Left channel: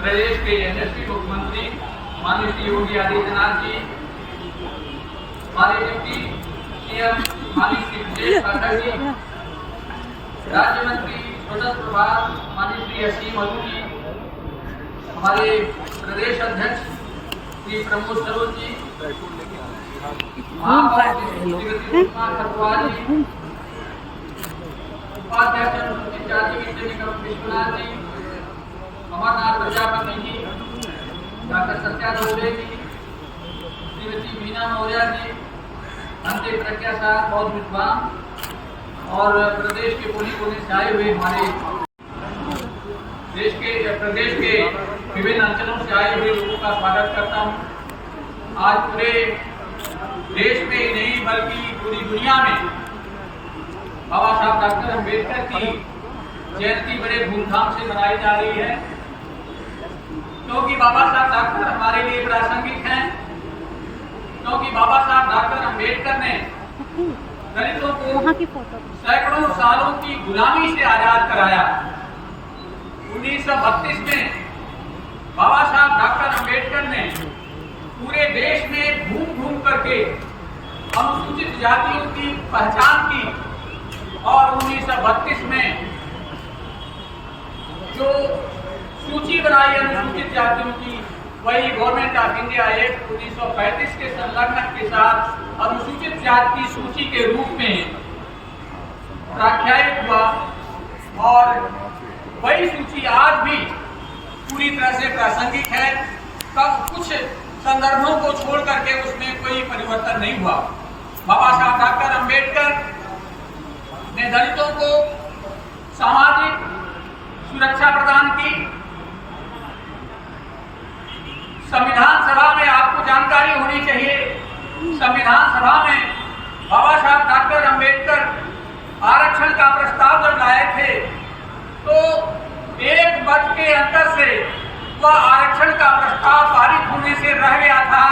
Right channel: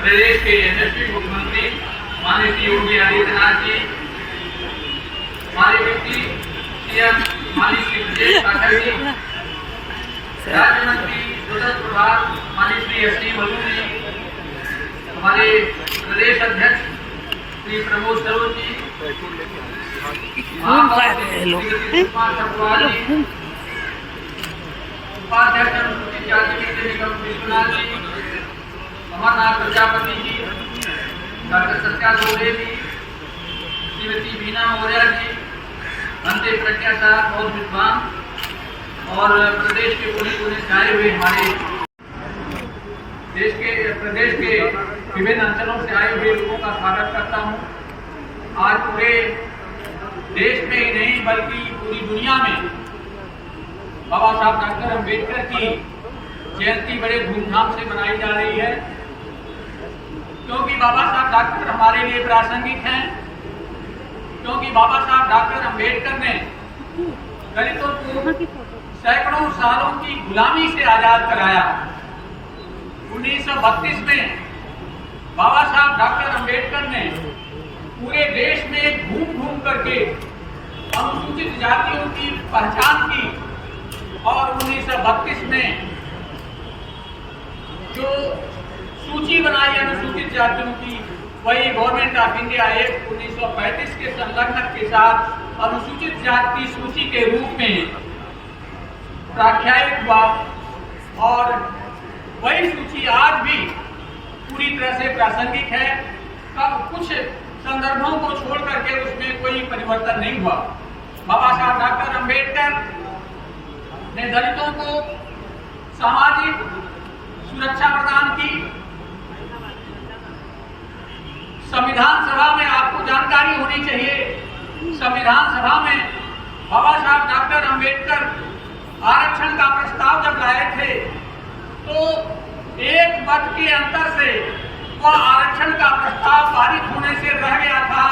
प्रदेश के यशस्वी मुख्यमंत्री माननीय श्री योगी आदित्यनाथ जी, हमारे डिप्टी सीएम माननीय श्री ब्रजेश पाठक जी, राज्य मंत्री स्वतंत्र प्रभार माननीय श्री एस.डी. मधु जी, हमारे प्रदेश अध्यक्ष श्री प्रमोद सरोज जी, उपाध्यक्ष अनुसूचित जाति वित्त निगम विश्वनाथ जी, अमरनाथ प्रजापति जी, डॉक्टर सत्या दोबे जी, श्रीमती बीना मौर्य जी, अंते प्रज्ञा साहब और विद्वान और प्रदेश के कोने कोने से आए हुए हमारे प्रदेश के विभिन्न अंचलों से आए हुए लोगों का स्वागत करता हूँ। आज पूरे देश में ही नहीं बल्कि पूरी दुनिया में बाबा साहब डॉक्टर अम्बेडकर की जयंती बड़े धूमधाम से मनाई जा रही है, क्योंकि बाबा साहब डॉक्टर हमारे लिए प्रासंगिक हैं, क्योंकि बाबा साहब डॉक्टर अम्बेडकर ने दलितों को सैकड़ों सालों की गुलामी से आजाद कराया। 1932 में बाबा साहब डॉक्टर अम्बेडकर ने पूरे देश में घूम घूम करके अनुसूचित जातियों की पहचान की और 1932 में जो सूची बनाई अनुसूचित जातियों की, वही गवर्नमेंट ऑफ इंडिया एक्ट 1935 के संलग्न के साथ अनुसूचित जाति की सूची के रूप में प्रख्यात हुआ और वही सूची आज भी पूरी तरह से प्रासंगिक है। कब कुछ संदर्भों को छोड़ करके उसमें कोई परिवर्तन नहीं हुआ। बाबा साहब डॉक्टर अम्बेडकर ने दलितों को सामाजिक सुरक्षा प्रदान की। संविधान सभा में आपको जानकारी होनी चाहिए, संविधान सभा में बाबा साहब डॉक्टर अम्बेडकर आरक्षण का प्रस्ताव जब लाए थे तो एक मत के अंतर से वह आरक्षण का प्रस्ताव पारित होने से रह गया था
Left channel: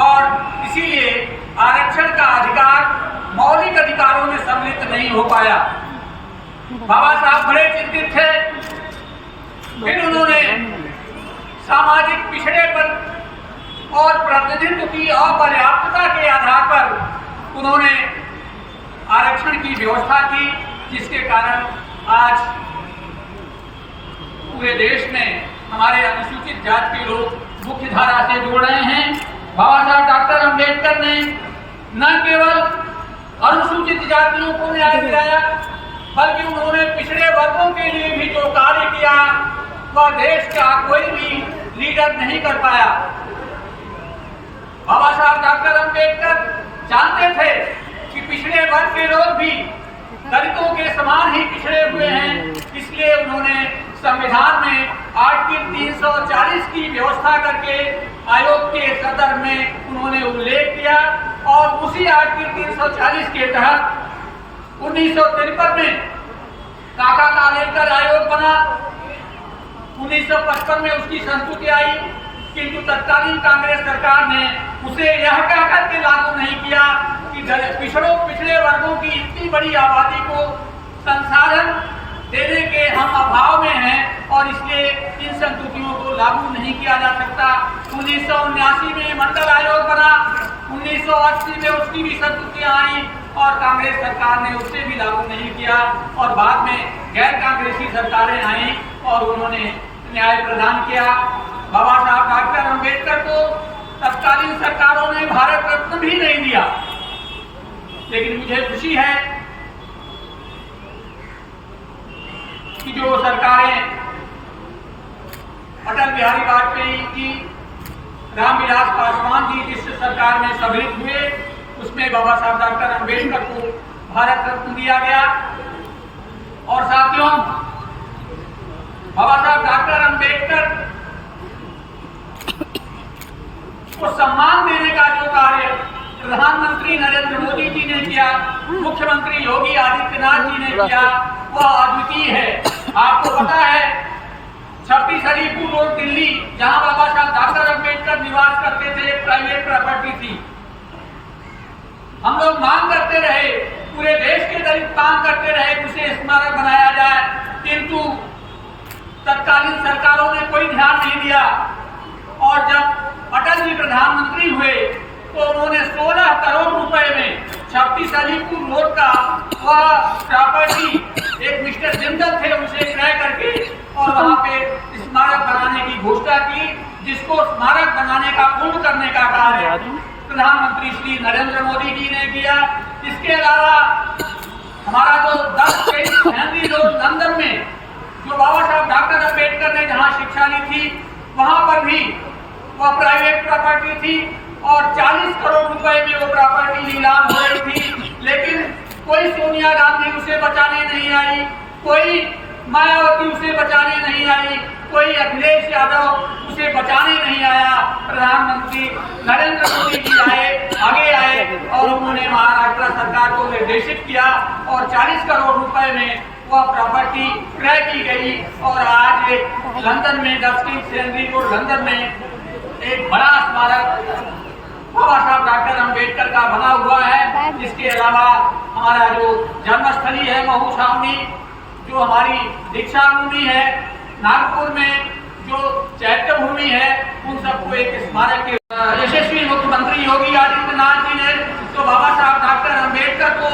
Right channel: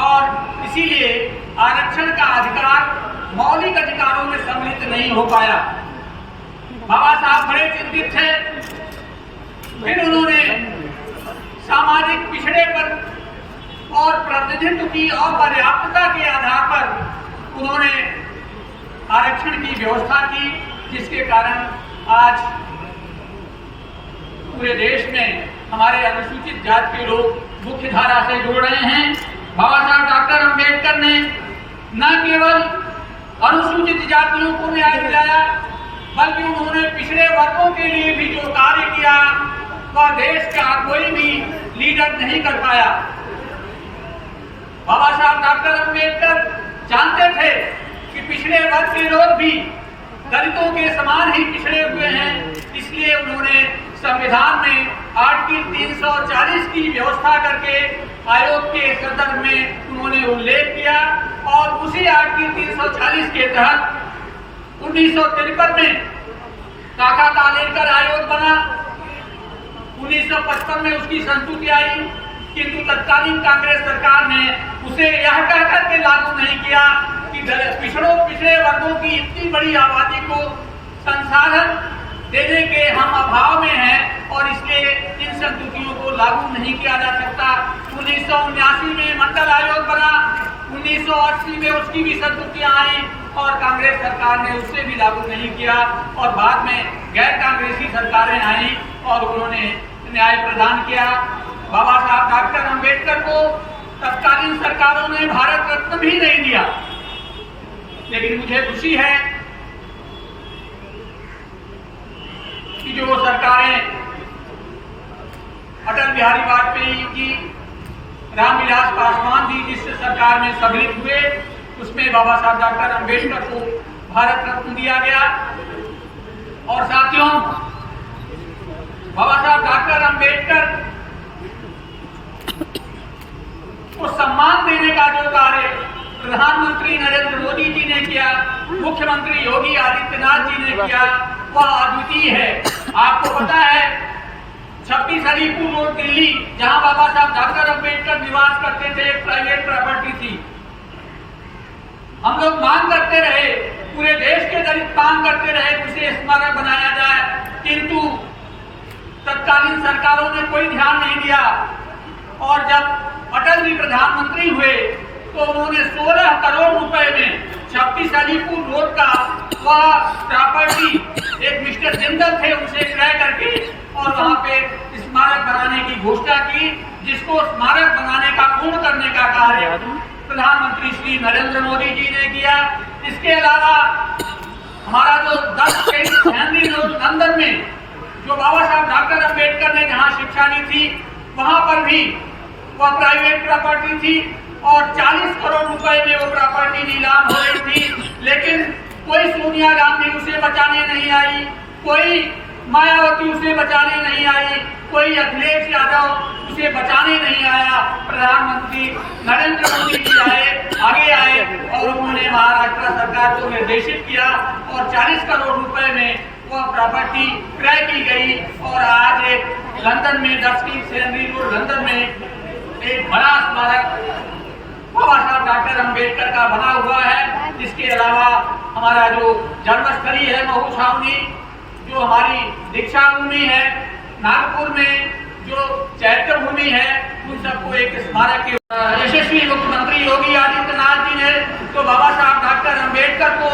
और इसीलिए आरक्षण का अधिकार मौलिक अधिकारों में सम्मिलित नहीं हो पाया। बाबा साहब बड़े चिंतित थे। फिर उन्होंने सामाजिक पिछड़ेपन और प्रतिनिधित्व की अपर्याप्तता के आधार पर उन्होंने आरक्षण की व्यवस्था की, जिसके कारण आज पूरे देश में हमारे अनुसूचित जाति के लोग मुख्य धारा से जुड़ रहे हैं। बाबा साहब डॉक्टर अम्बेडकर ने न केवल अनुसूचित जातियों को न्याय दिलाया, बल्कि उन्होंने पिछड़े वर्गों के लिए भी जो कार्य किया वह देश का कोई भी लीडर नहीं कर पाया। बाबा साहब डॉक्टर अम्बेडकर जानते थे कि पिछड़े वर्ग के लोग भी दलितों के समान ही पिछड़े हुए हैं, इसलिए उन्होंने संविधान में आर्टिकल 340 की व्यवस्था करके आयोग के सदर में उन्होंने उल्लेख किया और उसी आर्टिकल 340 के तहत 1953 में काका कालेकर आयोग बना। 1955 में उसकी संस्तुति आई, किंतु तत्कालीन कांग्रेस सरकार ने उसे यह कहकर के लागू नहीं किया कि पिछड़े वर्गों की इतनी बड़ी आबादी को संसाधन देने के हम अभाव में हैं और इसलिए इन संस्तुतियों को लागू नहीं किया जा सकता। 1979 में मंडल आयोग बना, 1980 में उसकी भी संस्तुतियां आई और कांग्रेस सरकार ने उससे भी लागू नहीं किया और बाद में गैर कांग्रेसी सरकारें आई और उन्होंने न्याय प्रदान किया। बाबा साहब डॉक्टर अम्बेडकर को तत्कालीन सरकारों ने भारत रत्न भी नहीं दिया, लेकिन मुझे खुशी है कि जो सरकारें अटल बिहारी वाजपेयी जी, रामविलास पासवान जी जिस सरकार में सम्मिलित हुए, उसमें बाबा साहब डॉक्टर अम्बेडकर को भारत रत्न दिया गया। और साथियों, बाबा साहब डॉक्टर अम्बेडकर को सम्मान देने का जो कार्य प्रधानमंत्री नरेंद्र मोदी जी ने किया, मुख्यमंत्री योगी आदित्यनाथ जी ने किया, वह अद्वितीय है। आपको पता है 26 अलीपुर रोड दिल्ली, जहां बाबा साहब डॉक्टर अम्बेडकर निवास करते थे, एक प्राइवेट प्रॉपर्टी थी। हम लोग मांग करते रहे, पूरे देश के दलित मांग करते रहे उसे स्मारक बनाया जाए, किंतु तत्कालीन सरकारों ने कोई ध्यान नहीं दिया और जब अटल जी प्रधानमंत्री हुए तो उन्होंने 16 करोड़ रुपए में 26 अलीपुर रोड का वह प्रॉपर्टी एक मिस्टर जिंदल थे उनसे क्रय करके और वहां पे स्मारक बनाने की घोषणा की, जिसको स्मारक बनाने का पूर्ण करने का कार्य प्रधानमंत्री श्री नरेंद्र मोदी जी ने किया। इसके अलावा हमारा जो 10 हेनरी रोड लंदन में जो बाबा साहब डॉक्टर अम्बेडकर ने जहां शिक्षा ली थी वहां पर भी वह प्राइवेट प्रॉपर्टी थी और 40 करोड़ रुपए में वो प्रॉपर्टी नीलाम हो रही थी, लेकिन कोई सोनिया गांधी उसे बचाने नहीं आई, कोई मायावती उसे बचाने नहीं आई, कोई अखिलेश यादव उसे बचाने नहीं आया। प्रधानमंत्री नरेंद्र मोदी जी आगे आए और उन्होंने महाराष्ट्र सरकार को निर्देशित किया और 40 करोड़ रुपए में वह प्रॉपर्टी क्रय की गई और आज एक लंदन में 10 हेनरी रोड लंदन में एक बड़ा स्मारक बाबा साहब डॉक्टर अम्बेडकर का बना हुआ है। इसके अलावा हमारा जो जन्मस्थली है महू छावनी, जो हमारी दीक्षा भूमि है नागपुर में, जो चैत्य भूमि है, उन सबको एक स्मारक के यशस्वी मुख्यमंत्री योगी आदित्यनाथ जी ने तो बाबा साहब डॉक्टर अम्बेडकर को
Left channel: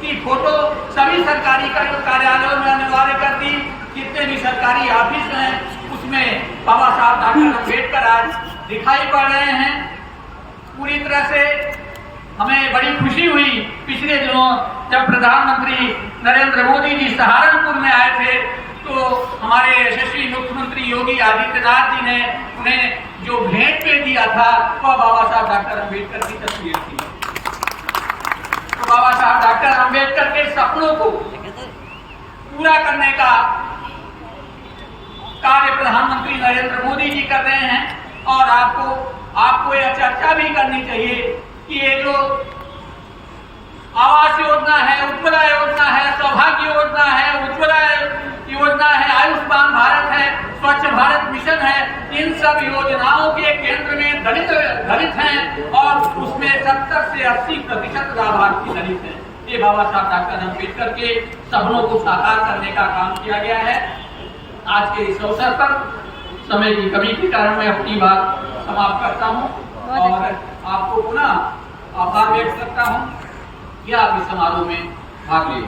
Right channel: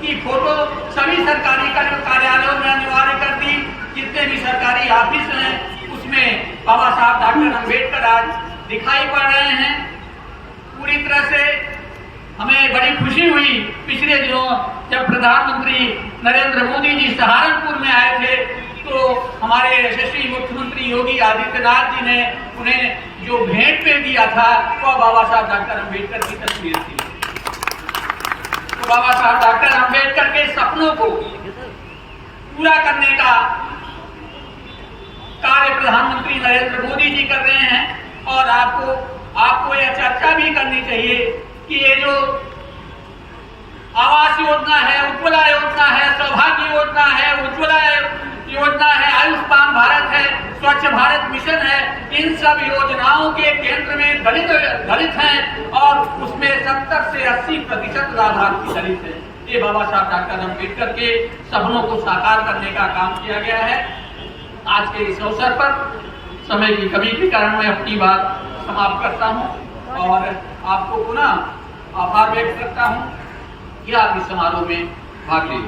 की फोटो सभी सरकारी कार्यालयों में अनिवार्य कर दी। जितने भी सरकारी ऑफिस हैं उसमें बाबा साहब डॉक्टर अम्बेडकर आज दिखाई पड़ रहे हैं। पूरी तरह से हमें बड़ी खुशी हुई पिछले दिनों जब प्रधानमंत्री नरेंद्र मोदी जी सहारनपुर में आए थे तो हमारे यशस्वी मुख्यमंत्री योगी आदित्यनाथ जी ने उन्हें जो भेंट में दिया था वह बाबा साहब डॉक्टर अम्बेडकर की तस्वीर थी। तो बाबा साहब डॉक्टर अम्बेडकर के सपनों को पूरा करने का कार्य प्रधानमंत्री नरेंद्र मोदी जी कर रहे हैं और आपको यह चर्चा भी करनी चाहिए कि ये जो आवास योजना है, उज्ज्वला योजना है, सौभाग्य योजना है, उज्ज्वला योजना है, आयुष्मान भारत है, स्वच्छ भारत मिशन है, इन सब योजनाओं के केंद्र में दलित हैं और उसमें 70 से 80% लाभार्थी दलित हैं। ये बाबा साहब डॉक्टर अम्बेडकर के सपनों को साकार करने का काम किया गया है। आज के इस अवसर पर समय की कमी के कारण मैं अपनी बात समाप्त करता हूं और आपको पुनः आभार व्यक्त करता हूं कि आप इस समारोह में भाग ले।